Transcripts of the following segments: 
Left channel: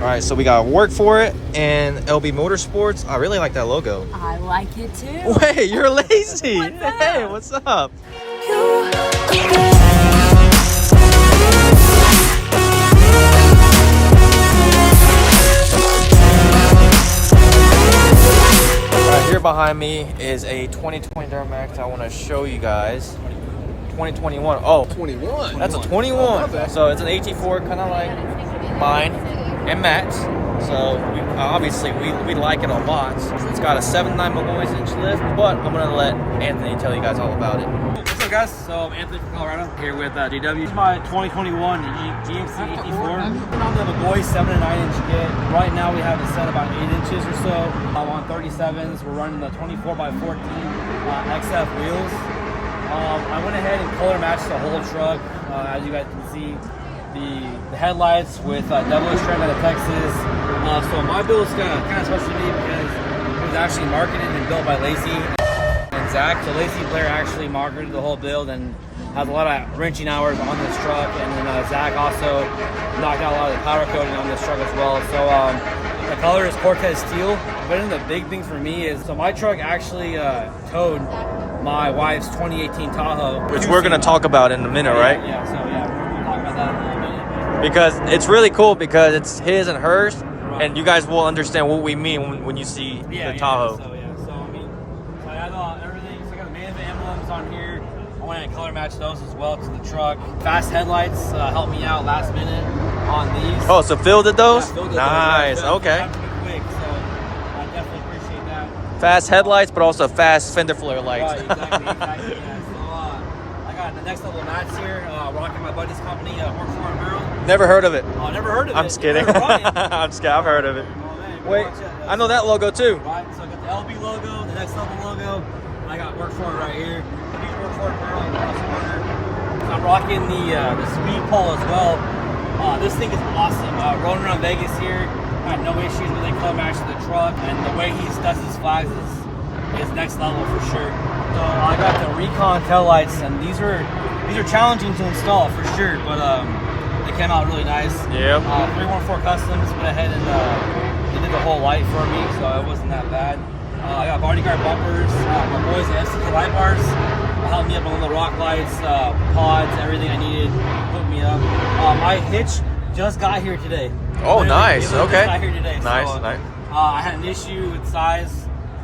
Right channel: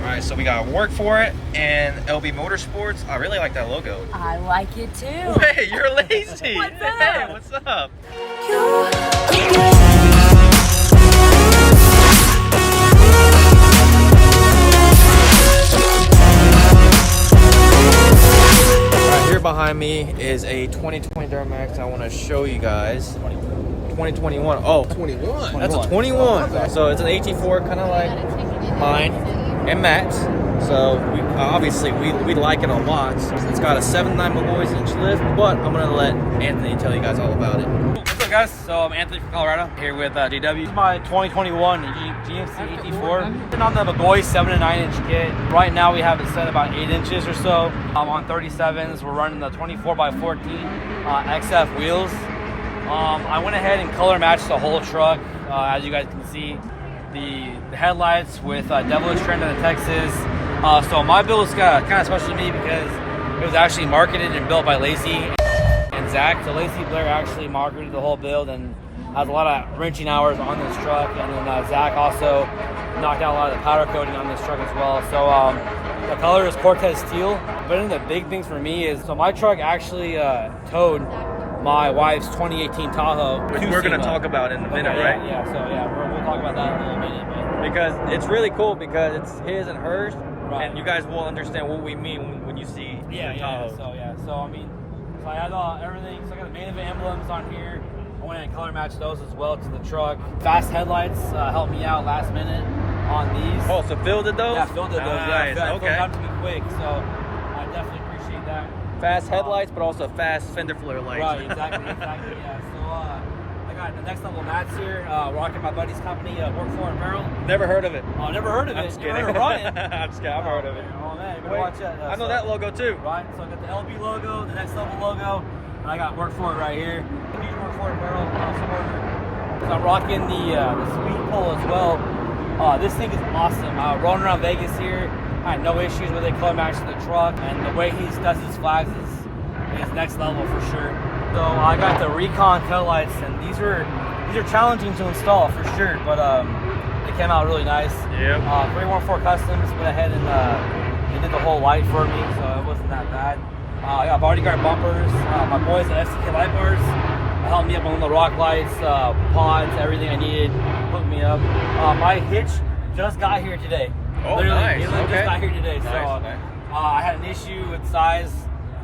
All right, so we got Work For It and LB Motorsports. I really like that logo. I like it too. Wait, you're Lacey. What's up? Hey, what's up? Here behind me is a 2020 Duramax. I want to show you guys. 2021. Oh, 21. That's a 21. So it's an AT4, kind of like mine and Matt's. So we like it a lot. It's got a 7.9 Malloy's inch lift, but I'm gonna let Anthony tell you guys all about it. What's up, guys? So I'm Anthony from Colorado, here with DW. This is my 2021 GMC AT4. Been on the McGaughy 7.9 inch kit. Right now we have it set about 8 inches or so. On 37s, we're running the 24x14 XF wheels. I went ahead and color matched the whole truck. As you guys can see, the headlights with Devilish Trend out of Texas. So my build is kind of special to me because it was actually marketed and built by Lacey and Zach. So Lacey Blair actually marketed the whole build and has a lot of wrenching hours on this truck. And then Zach also knocked out a lot of the powder coating on this truck as well. So the color is Cortez Steel. But one of the big things for me is, so my truck actually towed my wife's 2018 Tahoe, which we're going to talk about in a minute, right? Yeah, so yeah, we'll talk about that in a little minute. But because it's really cool because it's his and hers, right. And you guys will understand what we mean when you see the Tahoe. So I mean, so I had everything. So I got the main event emblems on here. I went and color matched those as well to the truck. Fast headlights helped me out last minute on these. Oh, so fielded those? Yeah, fielded nice, those. okay. Have to be quick, so I definitely appreciate that. Fast headlights, but also fast fender flare lights. Right, exactly, yeah. So I got the next level mats here, rocking my buddy's company, Work For It Apparel. Never heard of it. Oh, never heard of it. I'm just kidding. I'm just kidding. I've heard of it. Oh, man, wait, I know that logo too. Right, so I got the LB logo, the next level logo, and I got Work For It right here. Huge Work For It Apparel. So I'm rocking the speed pole as well. This thing is awesome. Rolling around Vegas here. I had no issues with it, color matching the truck, and the way he does his flags is next level for sure. So I got the Recon tail lights, and these are challenging to install for sure, but they came out really nice. Yep. 314 Customs went ahead and they did the whole light for me, so it wasn't that bad. I got bodyguard bumpers. My boys at FCK light bars helped me up on the rock lights, pods, everything I needed, hooked me up. My hitch just got here today. Oh, nice. Okay. Just got here today. Nice, so, nice. I had an issue with size,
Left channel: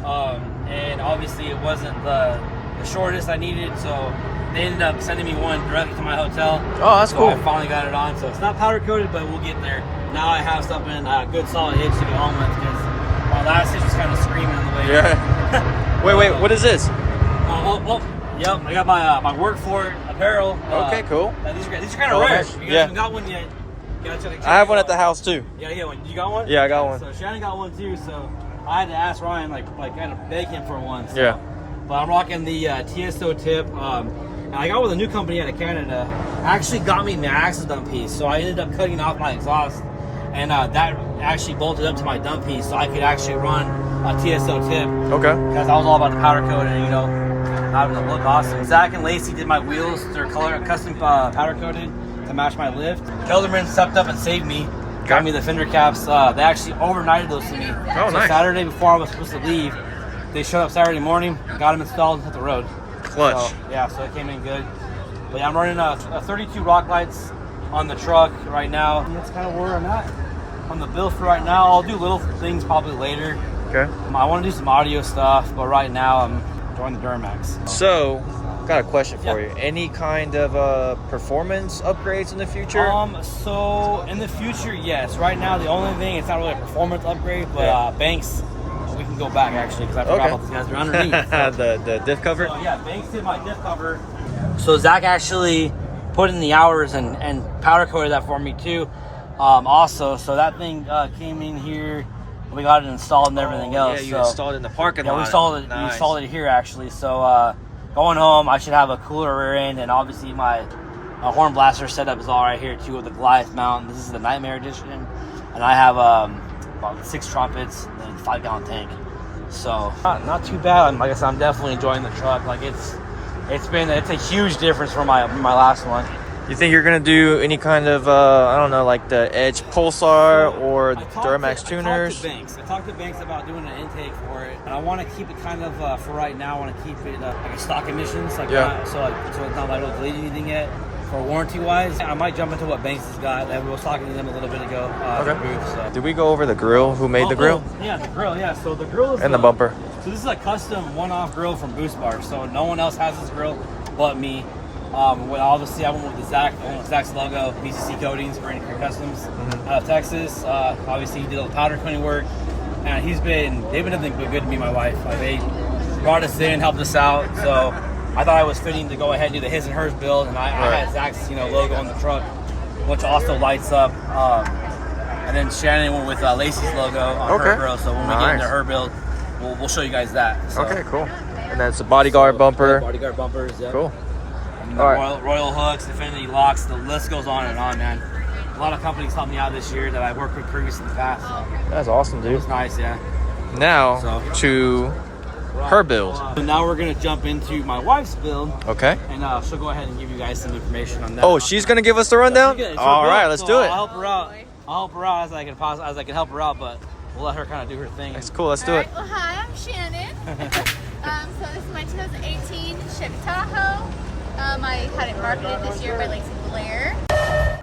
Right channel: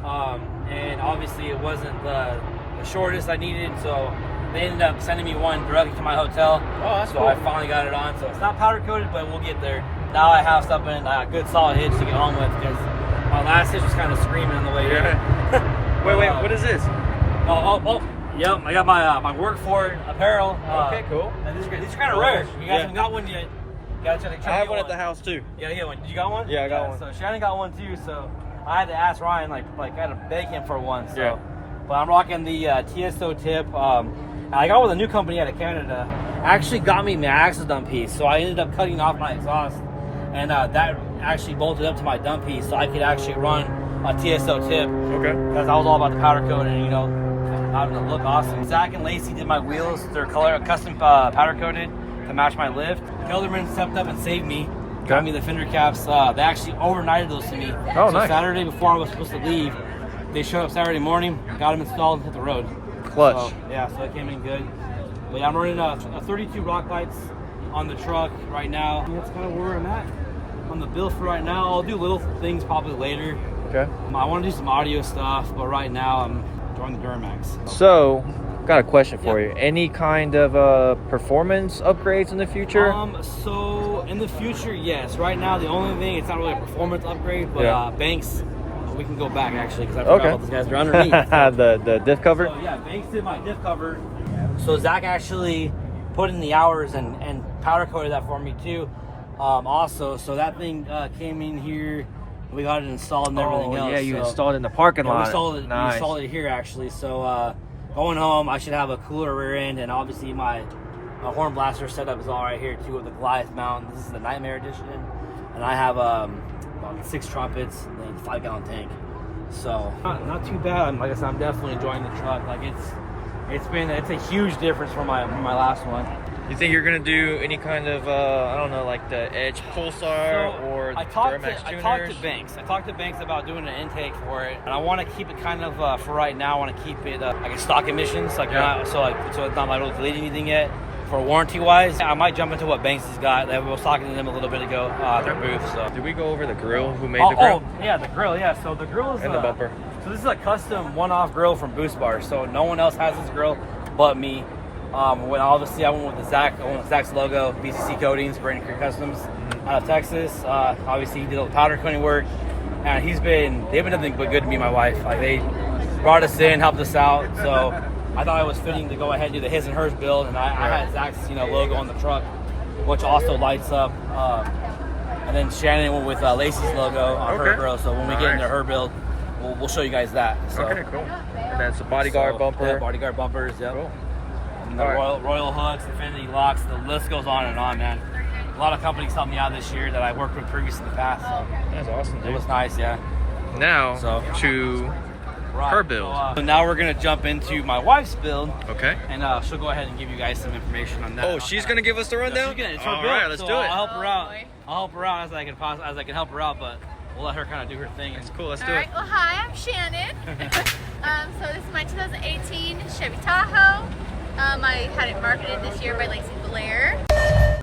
and obviously it wasn't the shortest I needed, so they ended up sending me one directly to my hotel. Oh, that's so cool. I finally got it on. So it's not powder coated, but we'll get there. Now I have something, a good solid hitch to get home with, because my last hitch was kind of screaming on the way here. Yeah. wait, what is this? Yep, I got my Work For It apparel. Okay, cool. These are kind of rare. You guys haven't got one yet. I have one at the house too. Yeah, get one. You got one? Yeah, I got one. So Shannon got one too. So I had to ask Ryan, like I had to beg him for one. So. Yeah. But I'm rocking the TSO tip. And I got with a new company out of Canada. Actually got me my axle dump piece. So I ended up cutting off my exhaust, and that actually bolted up to my dump piece, so I could actually run a TSO tip. Okay. Because I was all about the powder coat and having it look awesome. Zach and Lacey did my wheels. They're custom powder coated to match my lift. Kelderman stepped up and saved me. Got me the fender caps. They actually overnighted those to me. Oh, nice. Saturday before I was supposed to leave, they showed up Saturday morning, got them installed, and hit the road. Clutch. So it came in good. But yeah, I'm running a 32 rock lights on the truck right now. And that's kind of where I'm at on the build for right now. I'll do little things probably later. Okay. I want to do some audio stuff, but right now I'm enjoying the Duramax. So, got a question for you. Any kind of performance upgrades in the future? So in the future, yes. Right now, the only thing, it's not really a performance upgrade, but Banks, we can go back actually, because I forgot about these guys. They're underneath. So. the diff cover? So, yeah, Banks did my diff cover. So Zach actually put in the hours and powder coated that for me too. Also, so that thing came in here. We got it installed and everything else. Yeah, you installed it in the parking lot. We installed it. Nice. We installed it here actually. So going home, I should have a cooler rear end, and obviously my horn blaster setup is all right here too with the Goliath mount. This is the Nightmare Edition, and I have about 6 trumpets and a 5-gallon tank. So not too bad. Like I said, I'm definitely enjoying the truck. Like it's a huge difference from my last one. You think you're gonna do any kind of I don't know, like the Edge Pulsar or Duramax tuners? I talked to Banks about doing an intake for it, and I want to keep it kind of for right now. I want to keep it like a stock emissions, like so it's not like really deleting anything yet. For warranty wise, I might jump into what Banks has got. I was talking to them a little bit ago at their booth. So. Did we go over the grill? Who made the grill? Yeah, the grill. Yeah, so the grill is and the bumper. So this is a custom one-off grill from Boost Bar. So no one else has this grill but me. Obviously, I went with the Zach. I went with Zach's logo, BCC Coatings, Brandon Creek Customs, out of Texas. Obviously, he did all the powder coating work, and they've been nothing but good to me and my wife. Like, they brought us in, helped us out. So I thought it was fitting to go ahead and do the his and hers build, and I had Zach's logo on the truck, which also lights up. And then Shannon went with Lacey's logo on her grill. So when we get into her build, we'll show you guys that. So. Okay, cool. And that's a bodyguard bumper. Bodyguard bumpers. Yeah. Cool. The Royal hooks, Infinity locks, the list goes on and on, man. A lot of companies helped me out this year that I worked with previously in the past. So that's awesome, dude. It was nice, yeah. Now to her build. So now we're gonna jump into my wife's build. Okay. And she'll go ahead and give you guys some information on that. Oh, she's gonna give us the rundown? All right, let's do it. I'll help her out. I'll help her out as I can help her out, but we'll let her kind of do her thing. That's cool. Let's do it. Well, hi, I'm Shannon. So this is my 2018 Chevy Tahoe. I had it marketed this year by Lacey Blair.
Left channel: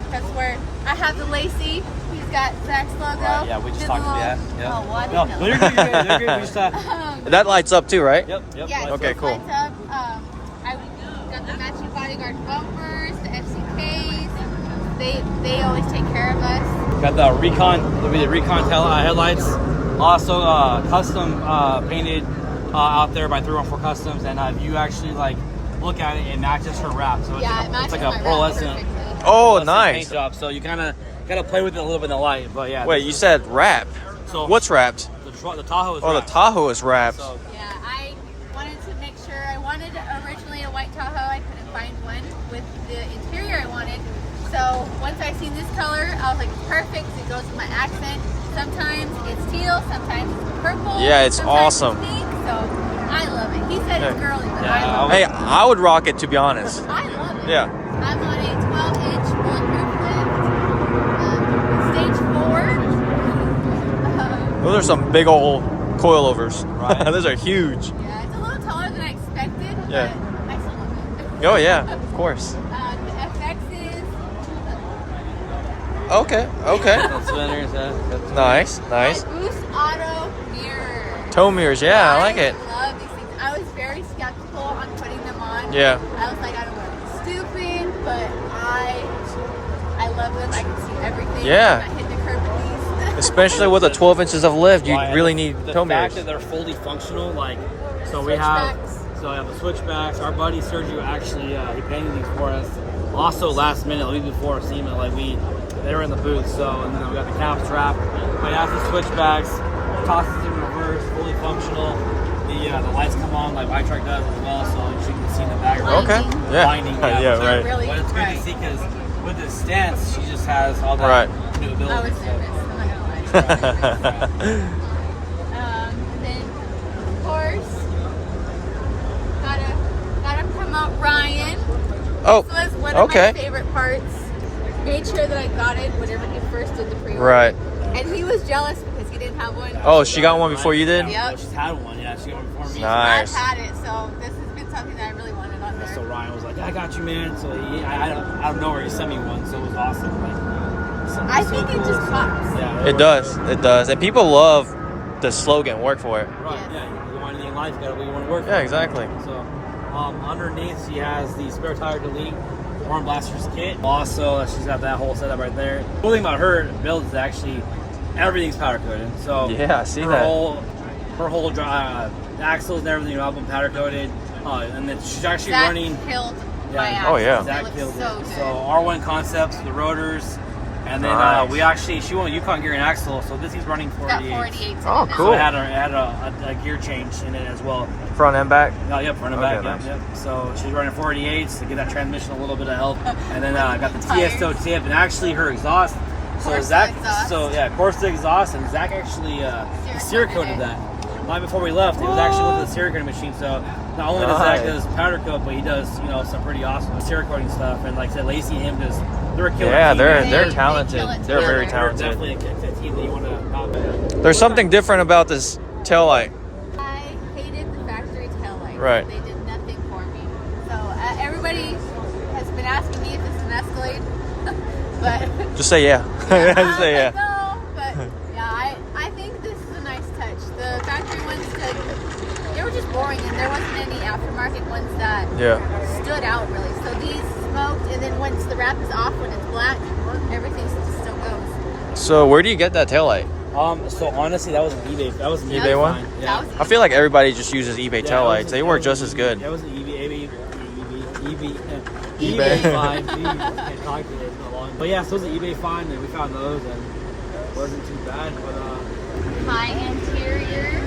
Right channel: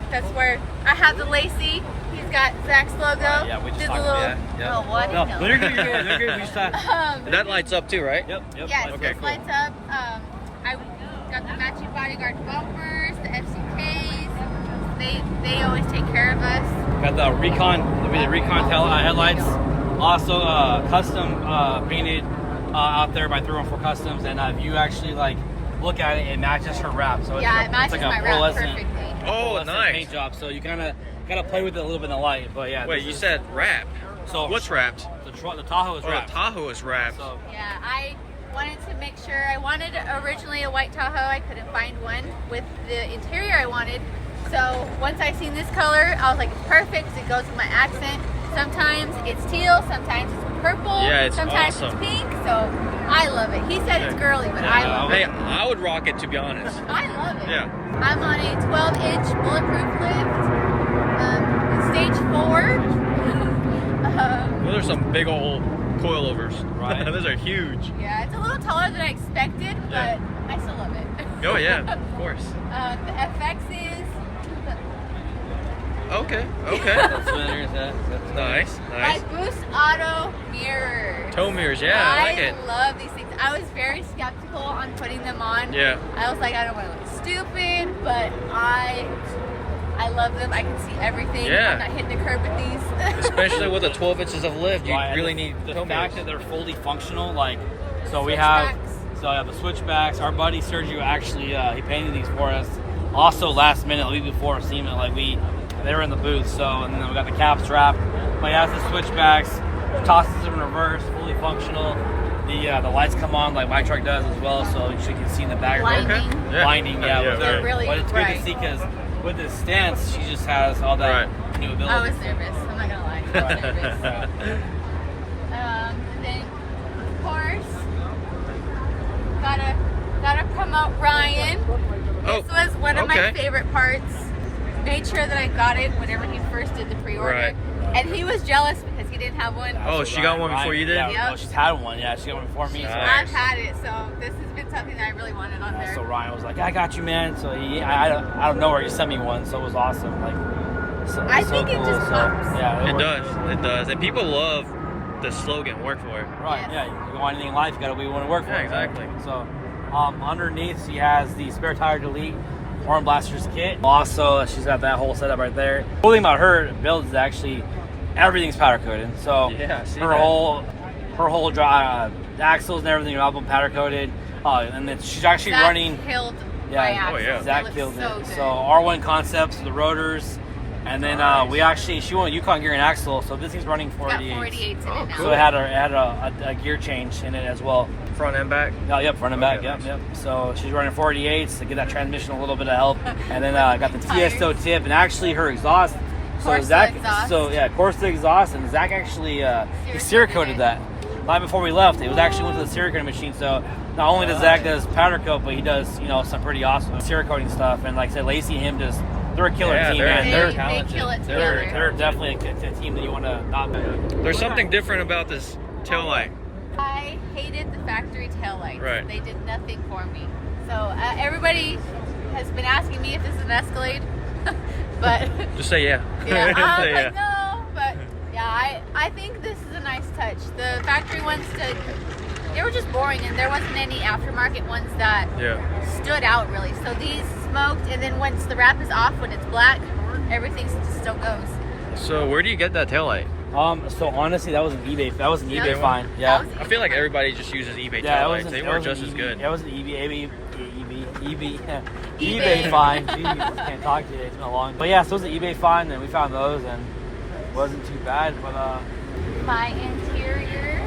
That's where I have the Lacey. He's got Zach's logo. Yeah, we just talked about that. Yeah. Oh, what? No, you're good. We just talked. That lights up too, right? Yep. Yeah, okay, cool. Lights up. I got the matching bodyguard bumpers, the FCKs. They always take care of us. Got the Recon headlights. Also custom painted out there by 314 Customs, and if you actually look at it, it matches her wrap. So it's like a pearlescent. Oh, nice. Paint job. So you kind of gotta play with it a little bit in the light, but yeah. Wait, you said wrapped. So what's wrapped? The Tahoe is wrapped. Oh, the Tahoe is wrapped. So, yeah, I wanted to make sure. I wanted originally a white Tahoe. I couldn't find one with the interior I wanted. So once I seen this color, I was like, it's perfect. It goes with my accent. Sometimes it's teal, sometimes it's purple. Yeah, it's sometimes awesome. It's pink, so I love it. He said it's girly, but I love it. Hey, I would rock it, to be honest. I love it. Yeah. I'm on a 12-inch bulletproof lift, stage 4. Those are some big old coilovers. Right. Those are huge. Yeah, it's a little taller than I expected, but I still love it. Oh yeah, of course. The FX is... Okay. Nice. My Boost Auto mirror. Tow mirrors, yeah, I like it. I love these things. I was very skeptical on putting them on. Yeah. I was like, I don't want to look stupid, but I love them. I can see everything. Yeah. I'm not hitting the curb with these. Especially with the 12 inches of lift, you really need tow the mirrors. fact that they're fully functional, so we have the switchbacks. Our buddy Sergio actually he painted these for us. Also last minute, week before Sema, they were in the booth. So and then we got the cap strap. But he has the switchbacks, tosses in reverse, fully functional. The lights come on like my truck does as well, so you can see in the background. Okay. Yeah. Blinding, right. Really but it's good to see because with the stance, she just has all that new ability. I was nervous. I'm not gonna lie. I was nervous. And then, of course, gotta promote Ryan. Oh, This was one of my favorite parts. Made sure that I got it whenever he first did the pre-order. Right. And he was jealous because he didn't have one. Oh, she got one before you did? Yeah, she's had one. Yeah, she got one before me. Nice. I've had it, so this has been something that I really wanted on there. So Ryan was like, "I got you, man." So I don't know where he sent me one, so it was awesome. I think it just pops. Yeah. It does. And people love the slogan, work for it. Right, yeah. You want anything in life, you gotta be willing to work for it. Yeah, exactly. So underneath she has the spare tire delete horn blasters kit. Also, she's got that whole setup right there. The cool thing about her build is actually everything's powder coated. So yeah, I see her that. whole drive axles and everything are all been powder coated. And then she's actually Zach running. Killed Yeah. my axles. Oh, yeah. Zach It killed looks so it. good. So R1 concepts, the rotors, and then Nice. she went Yukon gear and axle. So this is running It's got 48. 48. Oh, So cool. it had a gear change in it as well. Front and back? Oh, yep, front and back. Okay, nice. Yep. So she's running 48s to get that transmission a little bit of help. And then got the Tires. TSO tip and actually her exhaust. So Corsa Zach, exhaust. so yeah, Corsa exhaust, and Zach actually he Sear sear coated coated it. that. right before we left, it was actually went to the Cerakoting machine. So not only does Zach does powder coat, but he does, you know, some pretty awesome Cerakoting stuff. And like I said, Lacey and him just, they're a killer team. They're talented. They're very They're talented. definitely a team that you want to not bet. There's something different about this tail light. I hated the factory taillights. Right. They did nothing for me. So everybody has been asking me if this is an Escalade, but Just say yeah. yeah, Just say yeah. no, but yeah, I think this is a nice touch. The factory ones they were just boring, and there wasn't any aftermarket ones that stood out really. So these smoked, and then once the wrap is off, when it's black, everything still goes. So where do you get that tail light? So honestly, that was an eBay. That was an eBay one? find. Yeah. I feel like everybody just uses eBay tail lights. They work just as good. That was an eBay find. Can't talk today. It's not long. But yeah, so it was an eBay find, and we found those, and it wasn't too bad. But My interior.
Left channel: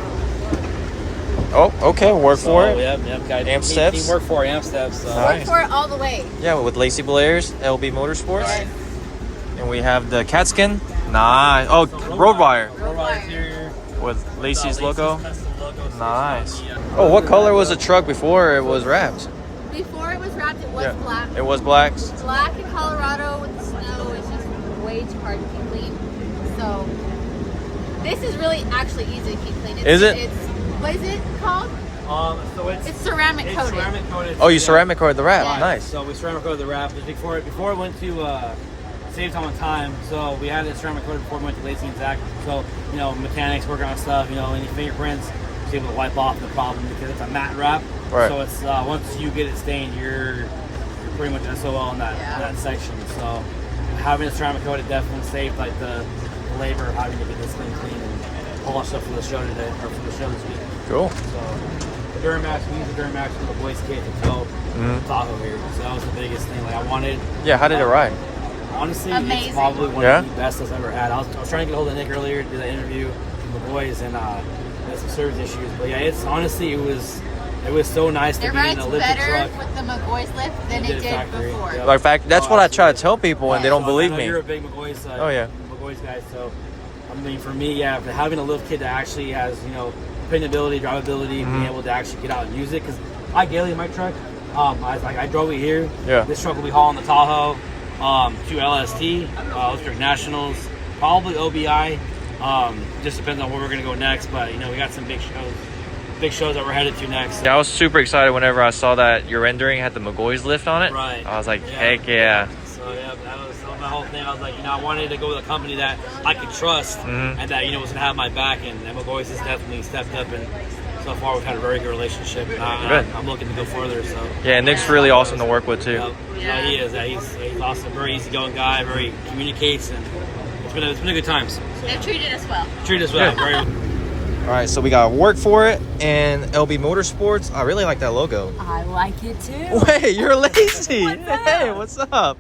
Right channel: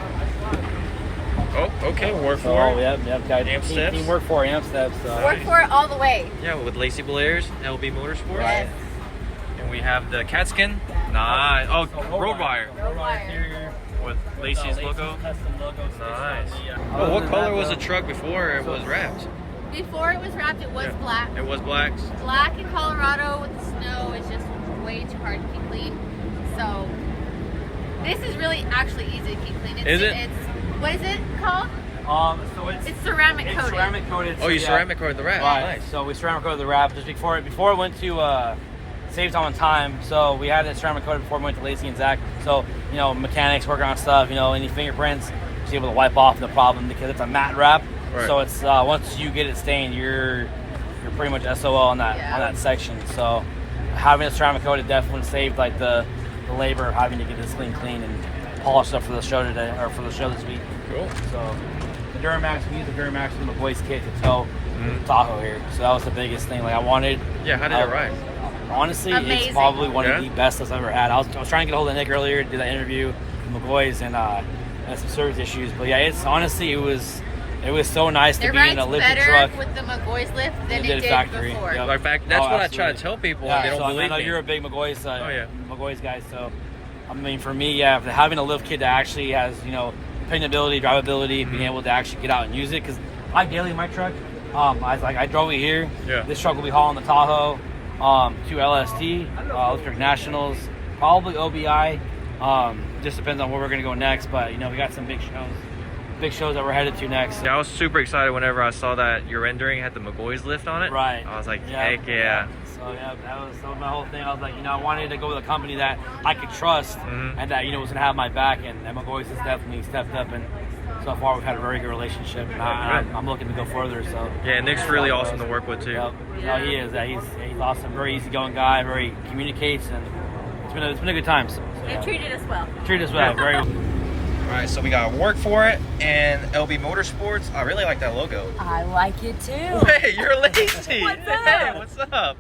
Oh, okay. Work for it. Yep. Got Amp steps? Team work for amp steps. So. Work for it all the way. Yeah, with Lacey Blair's LB Motorsports. Right. And we have the cat skin. Nice. Oh, road wire. Road wire. With Lacey's logo. Custom logo. So Nice. yeah. Oh, what color was the truck before it was wrapped? Before it was wrapped, it was black. It was black. Black in Colorado with the snow is just way too hard to keep clean. So this is really actually easy to keep clean. Is it? It's what is it called? So It's ceramic coated. Ceramic coated. Oh, you yeah. ceramic coated the wrap. Right. Nice. So we ceramic coated the wrap just before it went to save time. So we had it ceramic coated before we went to Lacey and Zach. So you know, mechanics working on stuff. You know, any fingerprints, just able to wipe off the problem because it's a matte wrap. Right. So it's once you get it stained, you're pretty much SOL on that section. So having a ceramic coated definitely saved like the labor of having to get this thing clean and polished up for the show today or for the show this week. Cool. So Duramax, we use the Duramax from the boys' kit to tow Tahoe here. So that was the biggest thing. Like I wanted. Yeah. How did it ride? Honestly, Amazing. it's probably one of the best I've ever had. I was trying to get a hold of Nick earlier to do that interview with the boys, and had some service issues. But yeah, it's honestly it was so nice to It be in rides a lifted better truck. with the McGaughy's lift than You it did did factory, before. yeah. Like fact, that's Oh, what I try to absolutely. tell people, and they don't So believe I know me. you're a big McGaughy's Oh, McGaughy's guy. So I mean, for me, yeah, having a lift kit that actually has dependability, drivability, being able to actually get out and use it. Because I daily in my truck, I drove it here. Yeah. This truck will be hauling the Tahoe, 2 LST, Electric Nationals, probably OBI. Just depends on where we're gonna go next. But we got some big shows that we're headed to next. Yeah, I was super excited whenever I saw that your rendering had the McGaughy's lift on it. Right. I was like, heck yeah. So yeah, that was my whole thing. I was like, I wanted to go with a company that I could trust and that was gonna have my back. And McGaughy's has definitely stepped up, and so far we've had a very good relationship. And I'm looking to go further. So Yeah, Nick's really awesome to work with too. Yep. Yeah. No, he is. He's awesome. Very easygoing guy. Very communicates, and it's been a good time. So, They treated us well. treated us well. Good. Very well. All right, so we got Work For It and LB Motorsports. I really like that logo. I like it too. Wait, you're Lacey. What's up? Hey, what's up?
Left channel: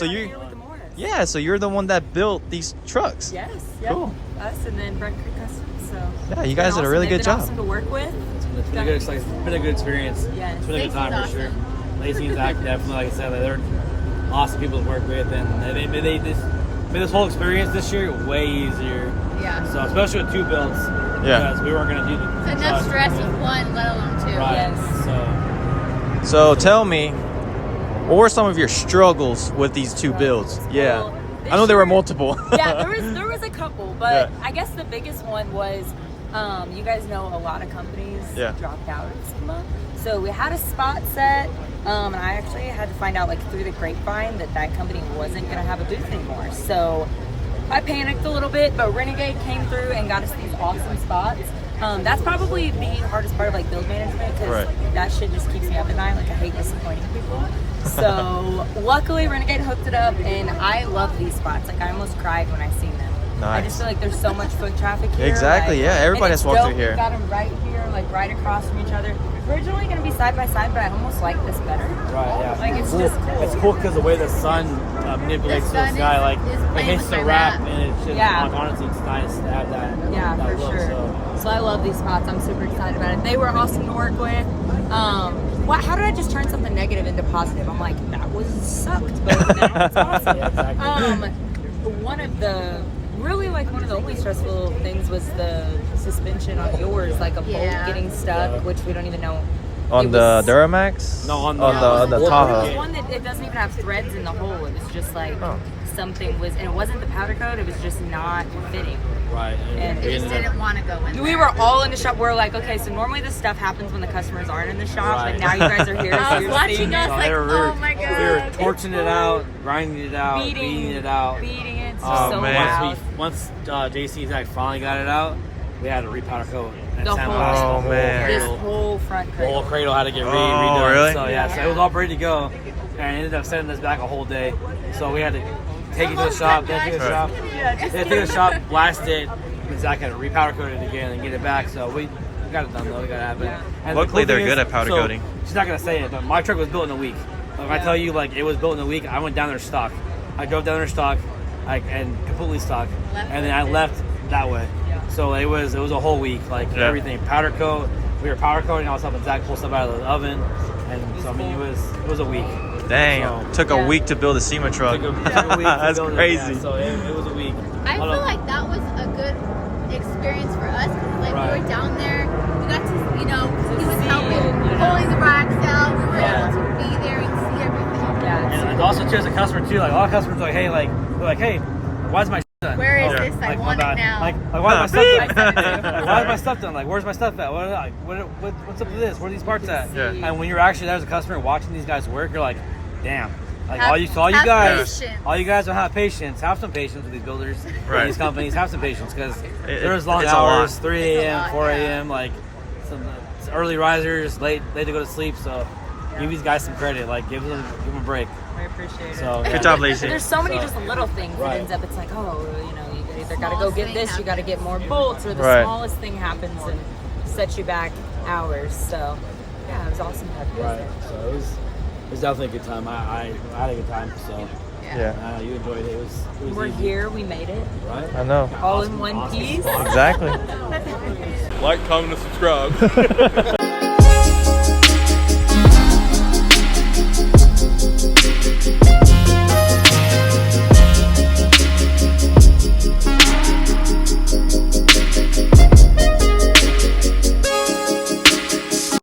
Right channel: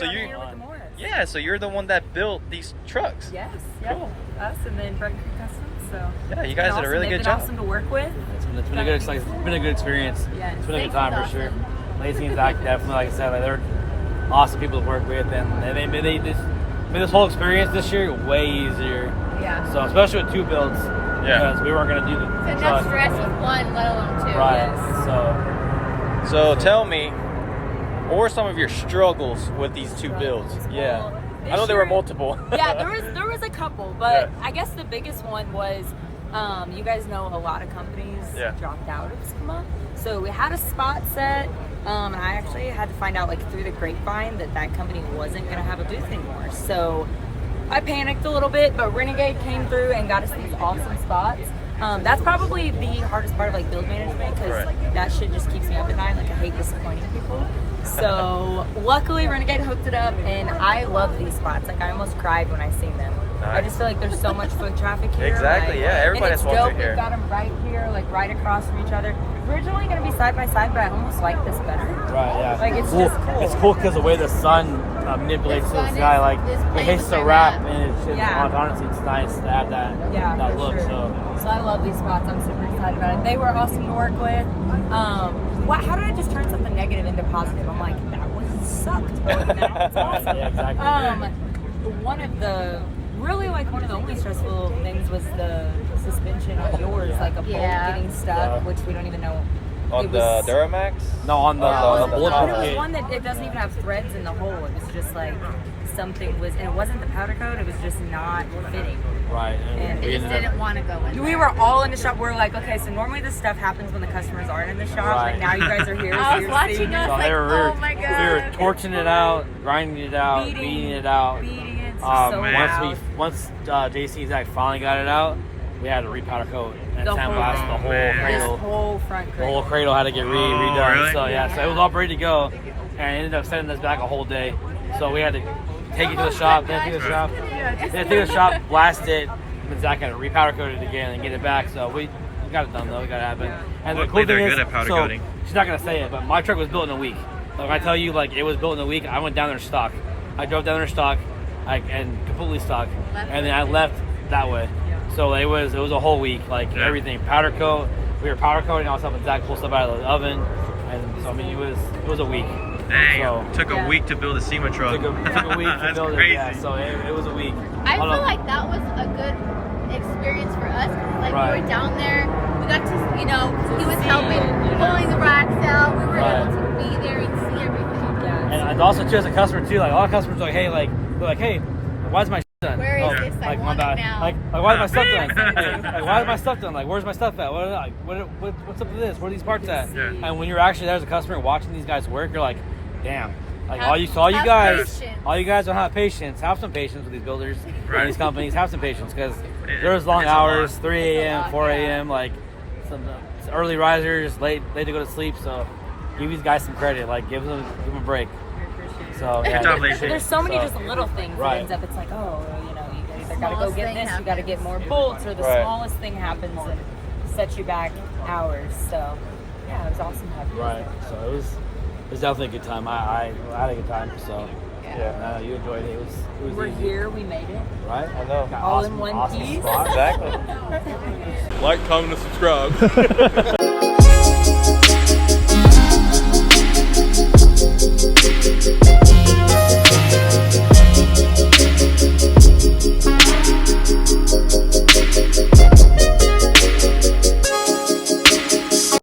We're out here with the Morris. Yeah, so you're the one that built these trucks. Yes. Yep. Cool. Us and then Brent Creek Customs. So Yeah, you it's guys been did a really They've good been job. awesome to work with. It's been a good experience. Yes. It's been a good time for sure. Awesome. Lacey and Zach definitely, like I said, they're awesome people to work with, and they made this whole experience this year way easier. Yeah. So especially with 2 builds, Yeah. because we weren't gonna do the It's enough truck. stress with one, let alone two. Right. Yes. So tell me, what were some of your struggles with these 2 builds? Yeah. Well, I know there were multiple. Yeah, there was a couple, but I guess the biggest one was, you guys know a lot of companies dropped out of Sema. So we had a spot set, and I actually had to find out through the grapevine that company wasn't gonna have a booth anymore. So I panicked a little bit, but Renegade came through and got us these awesome spots. That's probably the hardest part of build management, because that shit just keeps me up at night. I hate disappointing people. So luckily Renegade hooked it up, and I love these spots. I almost cried when I seen them. Nice. I just feel like there's so much foot traffic here. Exactly, yeah, everybody and it's just walks dope. through here. We've got them right here, right across from each other. Originally gonna be side by side, but I almost like this better. It's just cool. It's cool because the way the sun manipulates The the sun sky, is it playing hits with the my wrap, map. and it's just Yeah. honestly, it's nice to have that. Yeah, that for look, sure. So I love these spots. I'm super excited about it. They were awesome to work with. How did I just turn something negative into positive? I'm like, that was sucked, but now it's awesome. Yeah, exactly. One of the really like one of the only stressful things was the suspension on yours, like a bolt getting stuck, which we don't even know. On the Duramax? No, on the Tahoe. It was one that it doesn't even have threads in the hole. It was just like something was, and it wasn't the powder coat. It was just not fitting. Right. And They just didn't want to go in there. we were all in the shop. We're like, okay, so normally this stuff happens when the customers aren't in the shop. Right. Like now you guys are here. I so was you're watching seeing us it. like, oh my We were god. torching it out, grinding it out, beating it out. Beating it. It's Oh, so man. loud. Once JC Zach finally got it out, we had to repowder coat and The sandblast whole- the whole man. This cradle. whole front The cradle. whole cradle had to get Oh, redone. really? So yeah, so it was all ready to go, and it ended up sending us back a whole day. So we had to take it to the shop, then take it to the shop, then take it to the shop, blast it, and Zach had to repowder coat it again and get it back. So we got it done though. We got it happen. And the Luckily, cool thing they're is, good at powder so, coating. She's not gonna say it, but my truck was built in a week. Like I tell you, like it was built in a week. I went down there stock. I drove down there stock, and completely stock, and then I left that way. So it was a whole week, like everything powder coat. We were powder coating all stuff, and Zach pulled stuff out of the oven, and so I mean it was a week. Dang, So, took a week to build a Sema truck. Took a week to That's build crazy. it. Yeah, so it was a week. I Hold feel on. like that was a good experience for us. Like Right. we were down there, we got to, you know, he was see helping, it. pulling the racks out. We were Yeah. able to be there and see everything. Yeah. And also too as a customer too, like a lot of customers are like, hey, they're like, hey, why is my done? Where is Oh, this? I like, my want bad. it now. Like why is my stuff done? Like, why is my stuff done? Like where's my stuff at? What's up with this? Where are these parts at? Yeah. And when you're actually there as a customer watching these guys work, you're like, damn. Like Have- all you have guys patience. don't have patience. Have some patience with these builders, Right. these companies. Have some patience because It- there's long it's a hours, lot. 3 It's a a.m., lot, 4 yeah. a.m. Like some early risers, late to go to sleep. So give these guys some credit. Like give them a break. I appreciate it. So Good job, Lacey. But there's so many So- just little things that Right. ends up. It's like, oh, you know, you either got to go Smallest get thing this, you got to get more bolts, or the Right. smallest thing happens and sets you back hours. So yeah, it was awesome to have you guys Right. So it was definitely a good time. I had a good time. So Yeah. you enjoyed it. It was there. We're easy. here, we made it. Right? I know. All in one piece. spot. Exactly. Like, comment, and subscribe.